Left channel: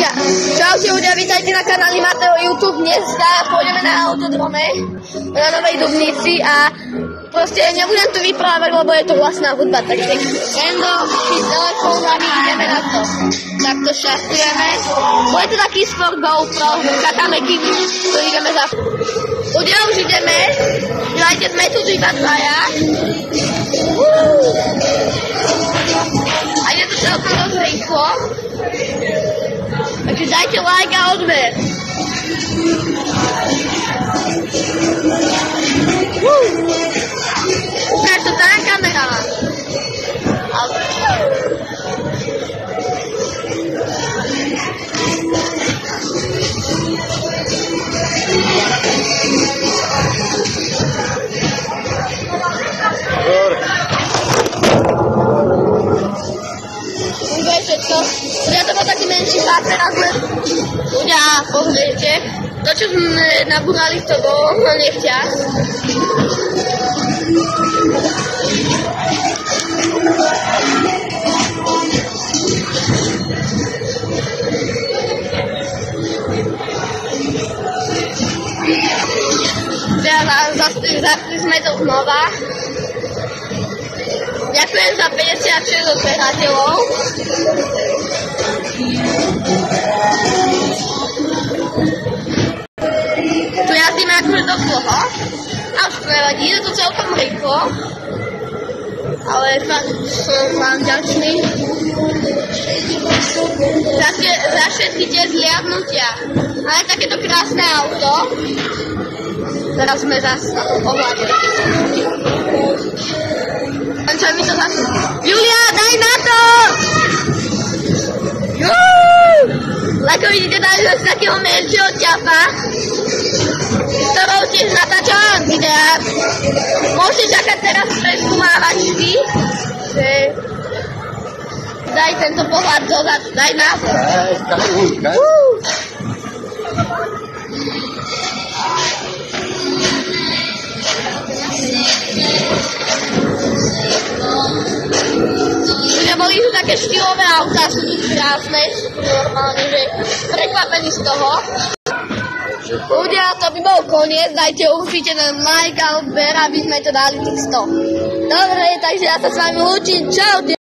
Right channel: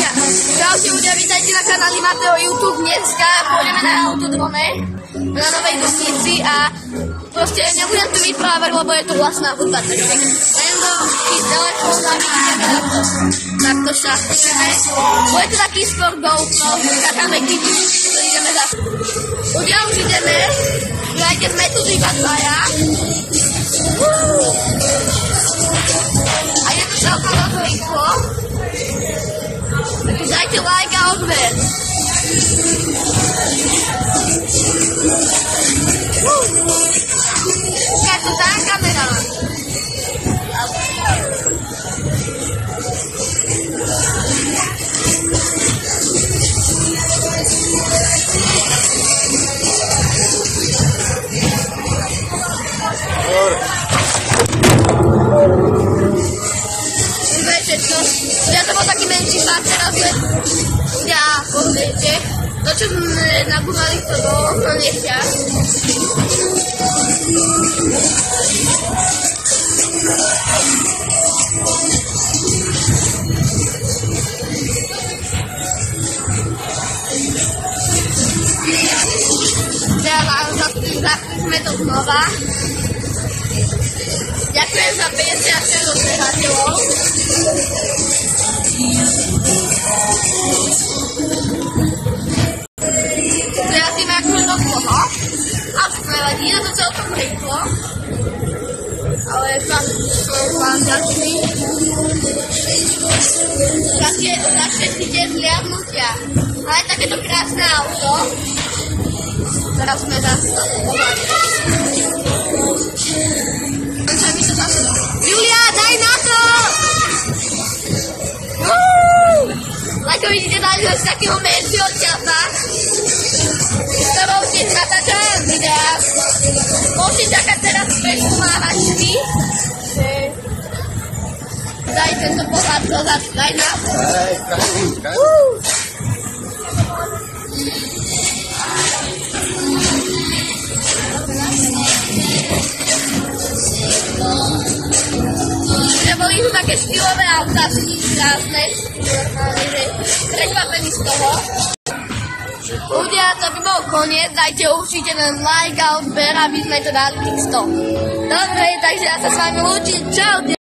Čaute ľudia, vítajte na kanáli Mateo YouTube. Dneska pôjdeme na autodrome na Novej Dubnici a proste nebudem tu vyprávať, lebo je to vlastná hudba, takže random, telefón a ideme na to. Takto šachtujeme. Bude to taký skôr GoPro, skákame kiky, to ideme za... Ľudia, už ideme. Dajte, sme tu iba dvaja. A je to celkom dosť rýchlo. Takže dajte like a odber. Ukáž to tá kamera. Všetko. Ľudia, to bol taký menší pár, teraz bude... Ľudia, pozrite. To, čo sme nabúrali, to do nechťa. Zastali sme to znova. Ďakujem za 56 odberateľov. Tu jazdíme akože do dlho. A už to nevadí, je to celkom rýchlo. Ale fakt som vám ďačný. Za všetky tie zliadnutia. Ale takéto krásne auto. Teraz sme zase na tom pohľade. Čo mi to zase... Julia, daj na to! Ako vidíte, dali ho z takého menšieho ťapa, s ktorou tiež natáčam videa. Môžete čakať teraz preskúmávačky, že... Daj tento pohľad dozad, daj na to. Boli tu také štýlové autá, sú krásne, normálne, že prekvapení z toho. Ľudia, to by bol koniec, dajte určite len like a odber, aby sme to dali tých 100. Dobre, takže ja sa s vami lúčim, čaute.